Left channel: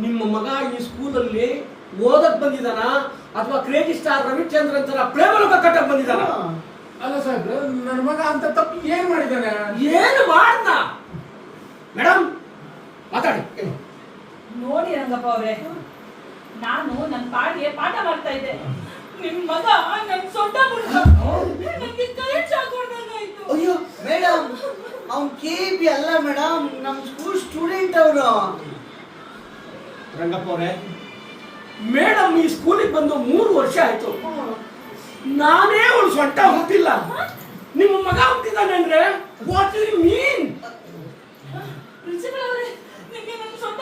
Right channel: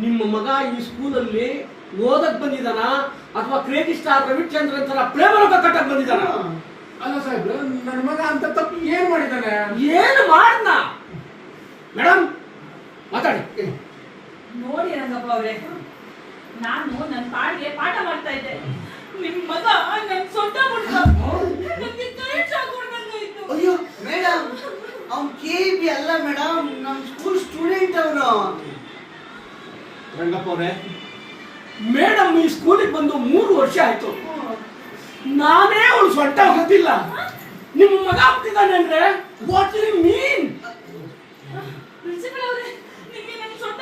ನಿಮ್ಮ ಮಗ ಈ ಸ್ಕೂಲಲ್ಲಿ ಓದಕ್ ಬಂದಿದಾನ ಅಥವಾ ಕ್ರೇಜಿ ಸ್ಟಾರ್ ರವಿಚಂದ್ರನ್ ತರ ಪ್ರೇಮಲೋಕ ಕಟ್ಟಕ್ ಬಂದಿದಾನ? ಅಲ್ಲ ಸಾಹೇಬ್ರೆ, ನನ್ನ ಮಗ ಅಂತ ತಪ್ಪು ಏನ್ ಮಾಡಿದಾನೆ? ಏನು ಮಾಡ್ದ ಮೇಡಮ್? ಮಾತಾಡಿ. ನೋಡಿ ರಂಗಪ್ಪ ಅವ್ರೆ, ನಾನು ನನ್ನ ಪಾಡಿಗೆ ಪಾಠ ಮಾಡ್ತಾ ಇದ್ದೆ. ನಿಮ್ ಮಗ ನನ್ ಸೊಂಟ ಮುಟ್ಟ ನನಗೆ ಕೈ ಚಾಕೊಂಡಂಗಾಯ್ತು. ಅಯ್ಯೋ ಮೇಡಮ್, ಅವ್ನು ಕೆಬಿ ಅಲ್ಲ ಮೇಡಮ್, ನಮ್ಮ ಸ್ಕೂಲ್ ಸ್ಟೂಡೆಂಟ್ ಅವನು. ರಂಗಪ್ಪ ಅವ್ರೆ, ಮೇಡಮ್ ಈ ಸ್ಕೂಲಿಗೆ ಬಂದು 3 ವರ್ಷ ಆಯ್ತು. ನಾನೇ ಅವಳು ಸೊಂಟ ಹುಟ್ಟಿಲ್ಲ, ನಿಮ್ಮ ಮಗ ಹುಟ್ಟಿದಾನೆ ಅಂದ್ರೆ ವಾಟ್ ಯು ಮೀನ್? ಪ್ರಿನ್ಸಿಪಲ್ ಅವರೇ, ನಿಮಗೆ ನಿಮ್ ಸೊಂಟ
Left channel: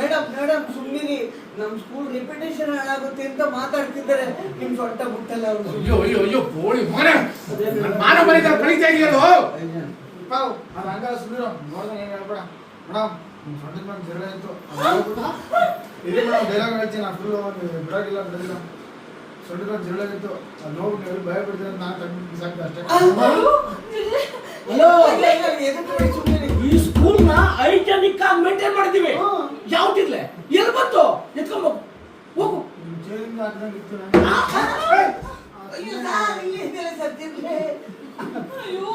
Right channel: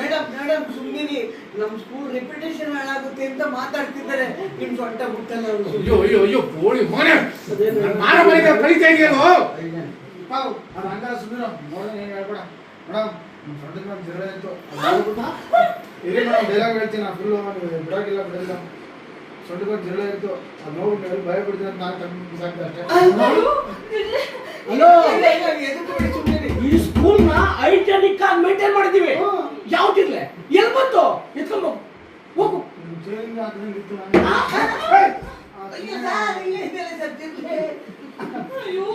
ಮೇಡಮ್ ಮೇಡಮ್ ಸುಮ್ಮನೆ ನಮ್ಮ ಸ್ಕೂಲ್ ರೆಪ್ಯುಟೇಷನ್ ಹಾಳಾಗುತ್ತೆ ಅಂತ ಮಾತಾಡ್ತಿದ್ದಾರೆ. ನಿಮ್ ಸೊಂಟ ಬಿಟ್ಟಲ್ಲ ಅವ್ರು. ಅಯ್ಯೋ ಅಯ್ಯೋ ಅಯ್ಯೋ ಬೋಳಿ ಮನೆ ಮಾನ ಮನೆ ಕಳಿತಾ ಇದೆಯಲ್ಲೋ. ಅದು ಹಂಗಾರ ಸುಮ್ಮನೆ ನೋಡಿದ್ರೆ ಏನು ಹೇಳ್ಬೇಡ ಮೇಡಮ್. ನಿಮ್ಮ ಸೊಂಟಕ್ಕೆ ಒಂದು ಜ್ವರ ಇತ್ತು, ಇಲ್ಲಿ ನಾವು ಡೈಲಾಗ್ ಹೇಳ್ತೀನಿ. ನಾನು ಫುಲ್ ಬಿಡೋಗಿಲ್ಲ ಬಿಡೋದಿಲ್ಲ. ಸೊಂಟಕ್ಕೆ ಒಂದು ಜ್ವರ ಇತ್ತು, ಅದು ನೋಡ್ಬಿಟ್ಟು ಎಲ್ಲರೂ ಭಯ ಬಿಡ್ತೀನಿ ಅಂತ ನಾನು ತಗೊಂಡು ಸಾಕ್ತೆ ಅಷ್ಟೇ. ಹಲೋ, ಎದಕ್ಕೆ ಬಿಡಿ ಸುಮ್ಮನೆ. ಈ ಸ್ಕೂಲ್ ನ ಹೈಜೆನಿಕ್ ಆಗಿ ಮೇಂಟೈನ್ ಮಾಡಿದೀವಿ. ಯಾವ್ದಿರ್ಲೆ ಎಲ್ಲಿ ಬಂತು ಎತ್ಕೊಂಡು ಹೋಗು. ಜೈಲಿಂದ ಹಾಕಿದಂಗಿತ್ತು ನನಗೆ. ಅಯ್ಯೋ ನಾನು ಇಲ್ಲಿದ್ದೆಲ್ಲ ಸತ್ತಿರ್ಲಿ. ಅಯ್ಯೋ